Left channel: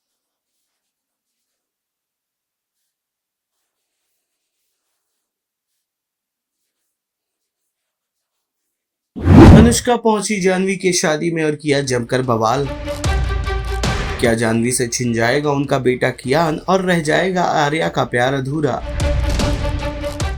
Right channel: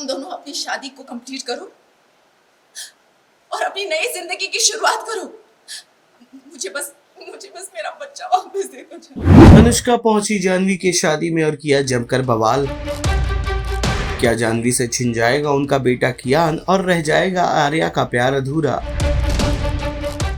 तुम दोनों अपनी शादी को कंप्लीट करो और अपनी नई जिंदगी की शुरुआत करो। मुझे बस मेरा बच्चा वापस दे दो। अनुष्का पहुंची जाह्नवी की शादी में और किया जमकर बवाल। क्या जाह्नवी से छिन जाएगा उनका बेटा कियान और रह जाएगा आर्या का प्यार अधूरा।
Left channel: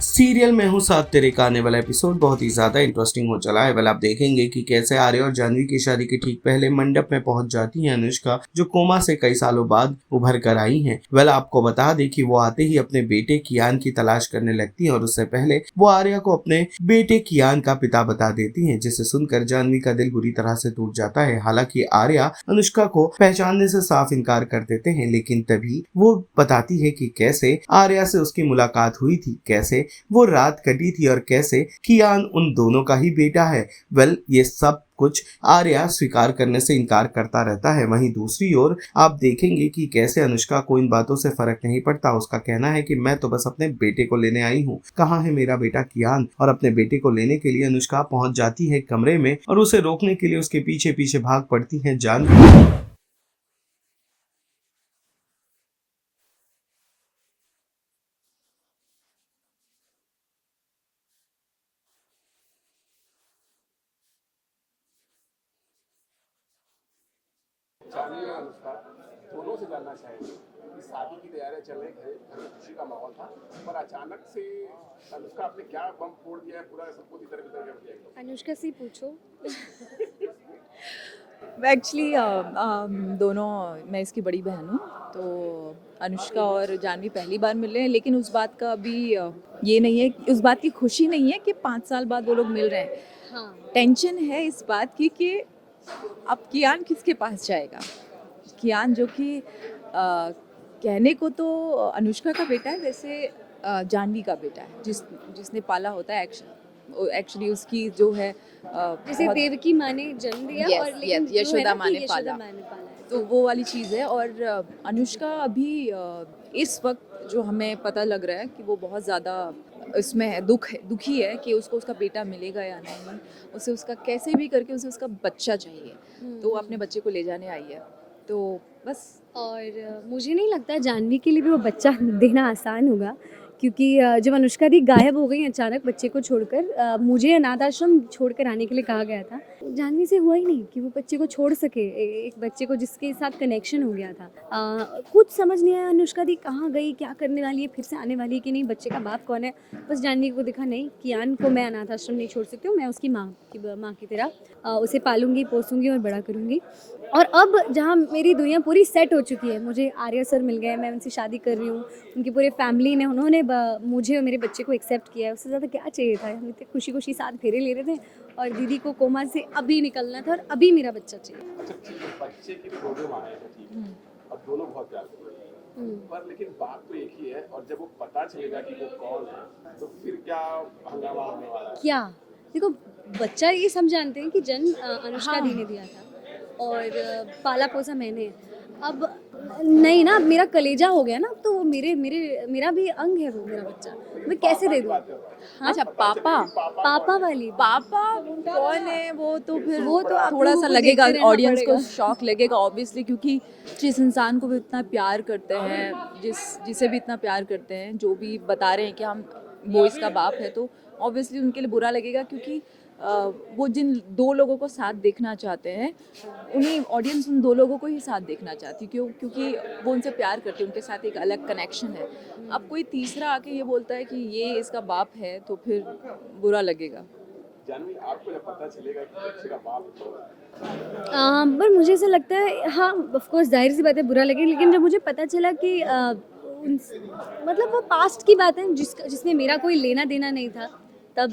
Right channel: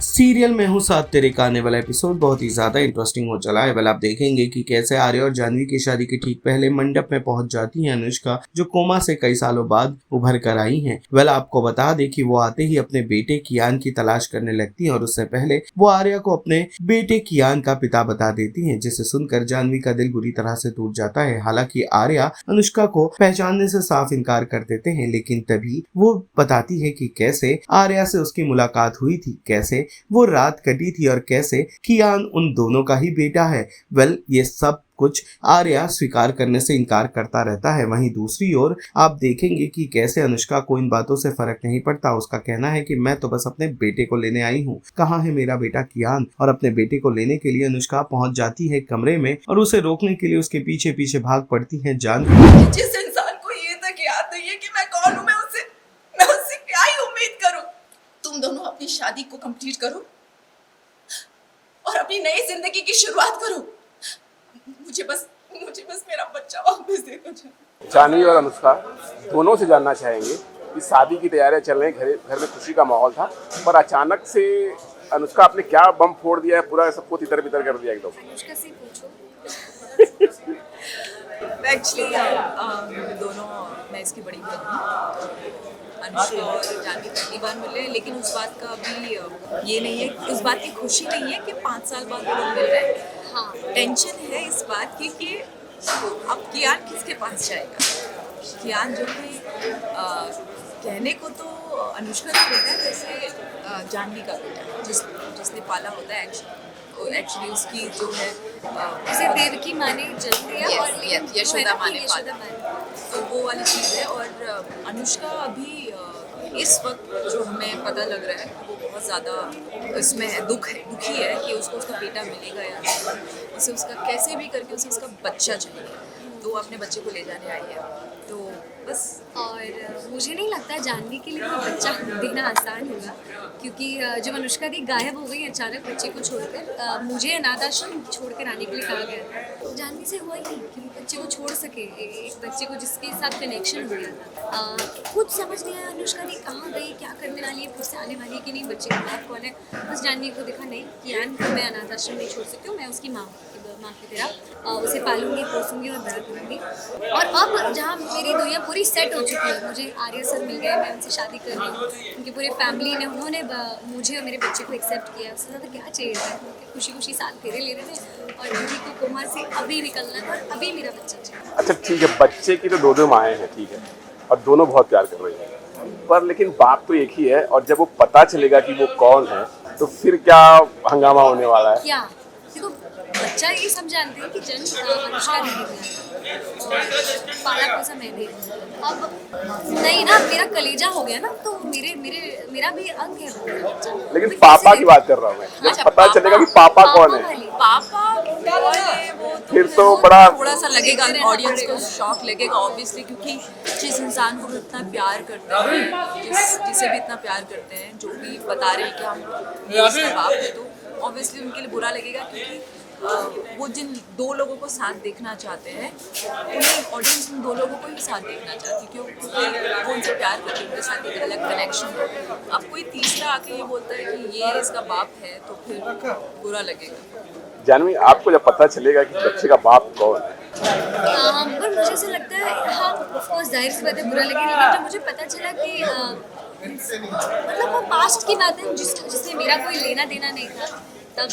सीरियल में हूँ साथ तेरे का आने वाला एपिसोड बहुत ही ज्यादा इंटरेस्टिंग हो चला है। आप देखेंगे कि कैसे आर्या और जाह्नवी की शादी के ठीक पहले मंडप में पहुंच जाती है अनुष्का, जो कोमा से कई सालों बाद उभर कर आई हैं। आपको बता दें कि वो आते ही अपने बेटे कियान की तलाश करने लगती है और उससे पहले वो आर्या को अपने बेटे कियान का पिता बता देती है, जिसे सुनकर जाह्नवी का दिल बुरी तरह से टूट जाता है। हालांकि आर्या अनुष्का को पहचानने से साफ इनकार कर देते हैं, लेकिन तभी वो बताती है कि कैसे आर्या से उसकी मुलाकात हुई थी, कैसे वो रात कटी थी और कैसे कियान उन दोनों का ही बेटा है। ये सब कुछ आर्या स्वीकार करने से इनकार करता रहता है। वहीं दूसरी ओर आप देखेंगे कि कैसे अनुष्का को इन बातों से फर्क नहीं पड़ता। उसका कहना है कि मैं तो बस अपने बेटे को लेने आई हूँ, कहाँ है मेरा बेटा कियान। और अपने बेटे को लेने के लिए अनुष्का पहुंच जाती है कमरे में और उसे रोकने के लिए उसके पीछे पीछे भाग पड़ती है जाह्नवी। जिस इंसान को ये तक याद नहीं है कि मैं कौन हूँ, मैं उससे क्या ही उम्मीद करूँ। तुम दोनों अपनी शादी को कंप्लीट करो और अपनी नई जिंदगी की शुरुआत करो। मुझे बस मेरा बच्चा वापस दे दो। जाह्नवी और अनुष्का दोनों से जानना चाहेंगे कि शादी की तैयारियां चल रही हैं, घर में खुशी का माहौल था, पर अचानक से अनुष्का आपने क्या बम फोड़ दिया है, पूरा सबको तितर बितर कर दिया एकदम। अनुष्का से पूछो। एक्चुअली दोनों, मैं इसकी बड़ी बहन हूँ, तो अनुष्का और जाह्नवी पहली बार मिल रहे हैं, लेकिन उस बात का अभी ये नहीं है, उस बात की खुशी नहीं है कि 5 साल बाद वो लोग मिल रहे हैं। हाँ, टेंशन है इस बात की कि अब कियान किसके पास जाएगा। कियान जो कि कहने को तो अनुष्का का बेटा है, वैसे जाह्नवी का बेटा है, जिसने पाला होता है। एक्चुअली उसकी जो है उसे देवकी माँ ने जन्म दिया और लेकिन यशोदा माँ ने पाला, तो वो वाली चीज़ है। और अनुष्का अभी इस वक्त जो हमें पता लग रहा है कि वो बहुत ज़्यादा इसमें है, दुखी है कि उसको उसका बेटा मिलेगा या नहीं। उसे उसका कैसे भी करके उसे उसका बच्चा चाहिए, तो वो अपने बच्चे को ले जाने आई है, तो बस। और मुझे नहीं लगता जाह्नवी के लिए वो बच्चा देना आसान होगा, क्योंकि जब अनुष्का दी गायब हो गई अचानक बच्चे को छोड़कर, मुझे अनाथ आश्रम छोड़कर आने के लिए कहा गया था, तो जाह्नवी से हुआ ही नहीं कि वो बच्चे को छोड़ सके, एक बच्चे को जिसके साथ कनेक्शन हो गया था। कुछ समझ नहीं आया अनुष्का दी कहाँ गई, क्या करने वाली है, फिर से आने वाली है कि नहीं, बच्चे का बाप कौन है। बस जाह्नवी को दिखा नहीं, कियान को मैं अनाथ आश्रम नहीं छोड़ सकती हूँ, मैं उसकी माँ की तरह उसे पालूंगी, पोसूंगी और बड़ा करूँगी। और अब जहाँ मेरी दुनिया पूरी सेट हो चुकी है, मुझे आर्या सर मिल गए, मैं उनसे शादी कर रही हूँ, उनकी पूरे फैमिली ने, उन्होंने मुझे और मेरे बच्चे को एक्सेप्ट किया, उससे ज़्यादा क्या चाहिए था। खुशी खुशी साथ फेरे ले रहे थे और दीदी को कोमा से अभी निकलना था और अभी मेरा बच्चा चाहिए। अच्छा ठीक है, बच्चे की तो दो माएँ हैं, ठीक है, और दोनों बहुत प्यार कर रही हैं, पर लेकिन बाप तो एक ही है, और जब वो पता चलेगा कि वो कौन है तो फिर क्या हंगामा होने वाला है। क्या देखो, बच्चा ये सब जानते हैं कि जन्म अनुष्का ने दिया और पाला पोसा मैंने। अब नहीं ना, मेरा कलेजा हो गया ना, तो मेरा भी अंग है वो मेरा बच्चा। लेकिन पापा की बात कर रहा हूँ मैं, जब पता चलेगा कि पापा कौन है, पापा कौन है, वो तो फिर तो बड़ा थोड़ा सा लगेगा, ऑडियंस को शॉक लगेगा ऑब्वियसली, क्योंकि जिस इंसान को भी इतना प्यार करते हैं, जिसे भी इतना प्यार करते हैं, जो भी बता रहे हैं कि हम वो उसका बाप है, तो ऑब्वियसली उनके लिए बुरा लगेगा, क्योंकि वो जिन 2 लोगों को साथ देखना चाहते हैं, उन्हें ऑडियंस उन 2 लोगों को ही साथ देखना चाहती है, क्योंकि वो उनसे प्यार करते हैं, उनके साथ एक अलग कनेक्शन है। अब कोई तीसरा आके ये बोलता है कि ये इसका बाप है, तो फिर बुरा लगेगा। जाह्नवी, आपको जब पता चलेगा कि बच्चे का बाप कौन है, पर मुझे ऐसा लगता है, हाँ ऑफकोर्स जाहिर सी बात है बुरा लगे, लेकिन जब मुझे पता चला कि मतलब वो पास्ट की बात है जिससे मेरा कोई लेना देना नहीं था, तब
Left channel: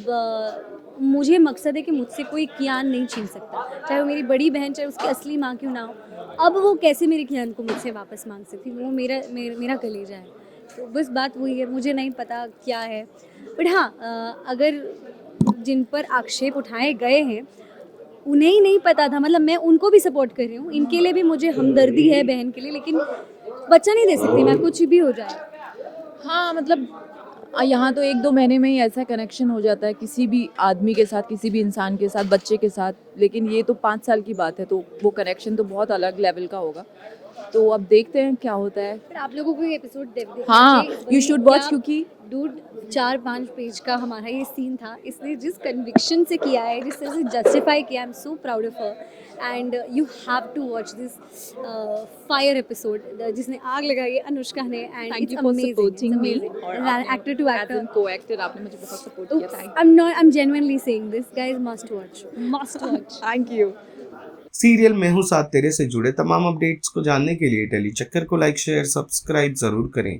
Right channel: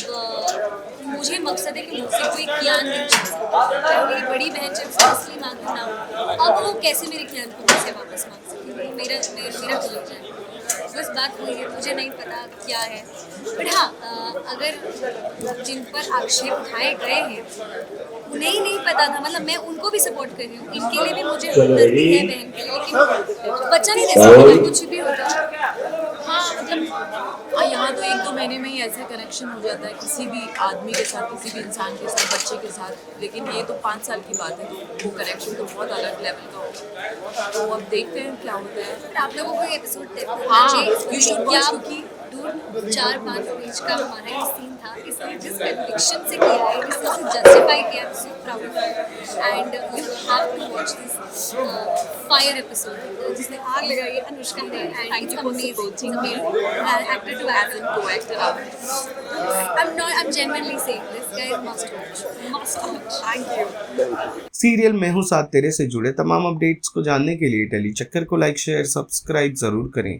मुझे मकसद है कि मुझसे कोई कियान नहीं छीन सकता, चाहे वो मेरी बड़ी बहन, चाहे उसकी असली माँ क्यों ना हो। अब वो कैसे मेरे कियान को मुझसे वापस मांग सकती, वो मेरा कलेजा है। बस बात वही है, मुझे नहीं पता क्या है, बट हाँ अगर जिन पर आक्षेप उठाए गए हैं उन्हें ही नहीं पता था, मतलब मैं उनको भी सपोर्ट कर रही हूँ, इनके लिए भी मुझे हमदर्दी है बहन के लिए, लेकिन बच्चा नहीं दे सकती, कुछ भी हो जाए। हाँ मतलब यहाँ तो 1-2 महीने में ही ऐसा कनेक्शन हो जाता है किसी भी आदमी के साथ, किसी भी इंसान के साथ, बच्चे के साथ। लेकिन ये तो 5 साल की बात है, तो वो कनेक्शन तो बहुत अलग लेवल का होगा। तो अब देखते हैं क्या होता है। पर आप लोगों को ये एपिसोड हाँ, you should watch क्योंकि 4-5 पेज का हमारा ये सीन था, इसलिए जिस कन्विक्शन से किया है, जिससे उसे जस्टिफाई किया, I am so proud of you and you have to watch this fire episode जिसने आग लगाई है अनुष्का है and Thank it's you for supporting me. Amazing actor too as actor in co-actor, I'm genuinely saying this, guys must watch. thank you. Serial मैं हूँ साथ तेरे से जुड़े तमाम अपडेट्स को जानने के लिए टेली चक्कर को लाइक शेयर सब्सक्राइब जरूर करें।